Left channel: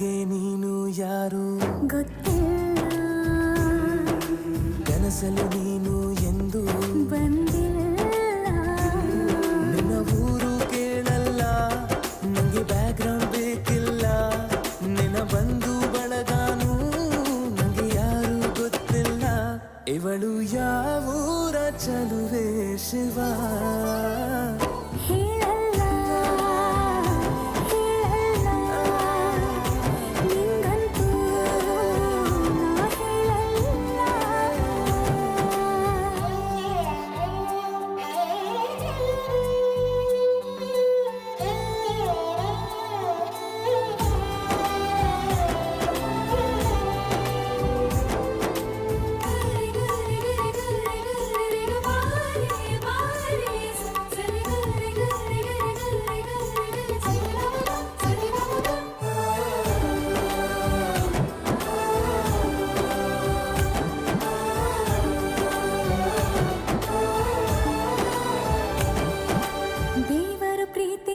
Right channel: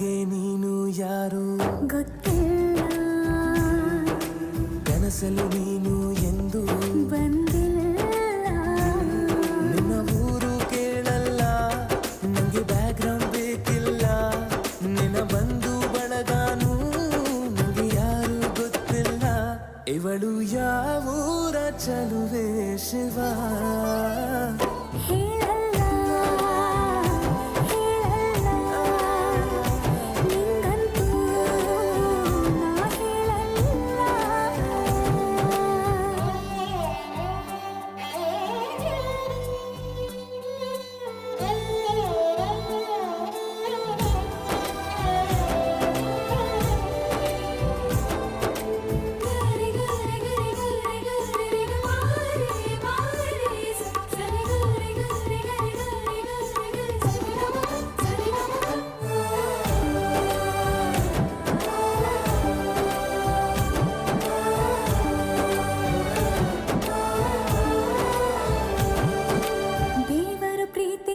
ನನಗೆ ನೀನು ಯಾರು ಗೊತ್ತಿಲ್ಲ, ಕನಸಲು ನೀನು ಎಂದು ಬಂದಿಲ್ಲ. ನಿನ್ನ ಊರು ಕೇಳಲ್ಲ, ನಂಗೆ ಬ್ಯಾಕ್ಗ್ರೌಂಡ್ ಬೇಕಿಲ್ಲ. ನಿನ್ನ ಬಂಧು ಬಳಗಾನು ನಂಗೆ ಯಾರು ಗೊತ್ತಿಲ್ಲ. ಇವಳು ಯಾವೂರ ಚಲುವೆ ಶಿವ.